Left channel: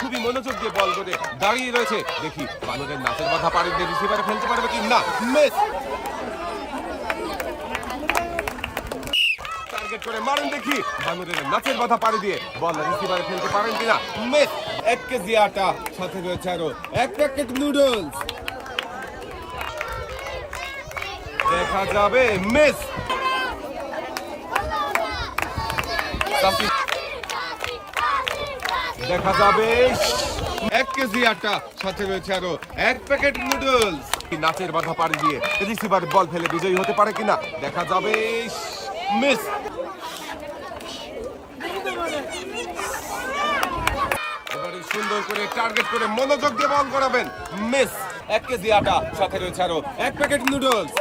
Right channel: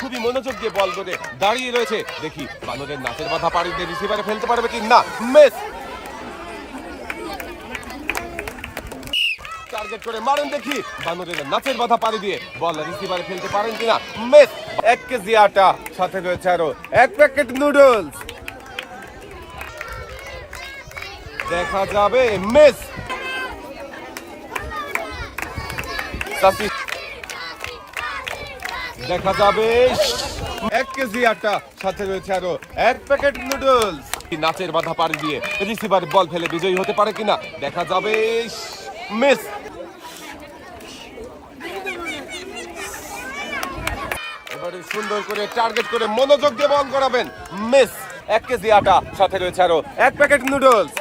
খুবই মনোযোগ দিয়ে বল করে দাঁড়িয়ে রয়েছে। দেখি বানরের নাচের বাধা পাড়ি দিয়ে রিসিভারে ফেলতে পারবে কি না। মিস। টার্গেট করে মারেন দেখি বানরের নাচের বাধা পাড়ি দিয়ে বল রিসিভারে ফেলতে পারেন কিনা। মিস। 1 কেজি আটা, সাথে রয়েছে আরো 1 প্যাকেট নুডলস। দেখা যাবে। মিস। দেখা যাবে 1 কেজি আটা, সাথে রয়েছে আরো 1 প্যাকেট নুডলস। নাচের বাধা পাড়ি দিয়ে রিসিভার বল ফেলে বিজয়ী হতে পারে কিনা। দেখা যাবে। মিস। এবারে সুন্দর করে টার্গেট করে মনোযোগ দিয়ে বল করাবেন। মিস। 1 কেজি আটা, সাথে রয়েছে আরো 1 প্যাকেট নুডলস।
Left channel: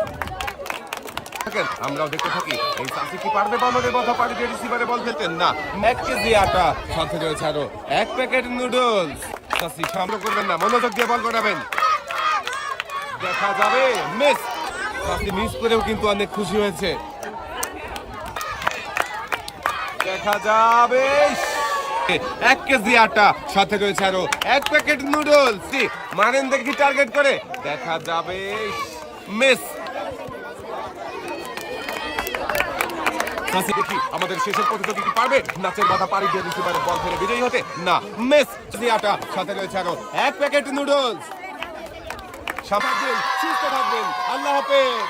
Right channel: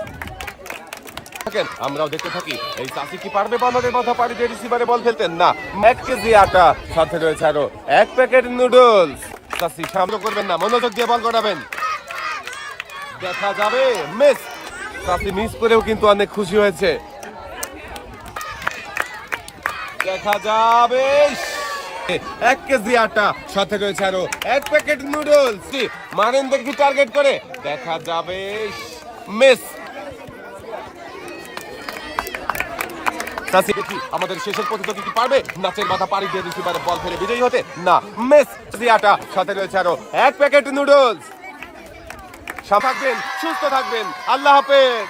আমরাও দেখতে থাকি এই চাষি কি পারবে বানরের বাধা পাড়ি দিয়ে রিসিভারে বল ফেলতেন না। 1 কেজি আটা, সাথে রয়েছে আরো 1 প্যাকেট নুডলস। চাষি সামনে করবেন না, মনোযোগ দিয়ে বল করাবেন। দেখা যাবে। মিস। চাষি মিস করেও কিন্তু অনেক খুশি হয়েছে। দেখা যাবে। 1 কেজি আটা, সাথে রয়েছে আরো 1 প্যাকেট নুডলস। মারেন দেখি টার্গেট করে। দেখা যাবে। মিস। দেখি আমাদের শেষের প্রতিযোগী কি পারবে নাচের মাথা পাড়ি দিয়ে রিসিভারে বল ফেলে বিজয়ী হতে না। মিস। আটা, সাথে রয়েছে আরো 1 প্যাকেট নুডলস। থাকবেন, সুস্থ থাকবেন, আল্লাহ হাফেজ।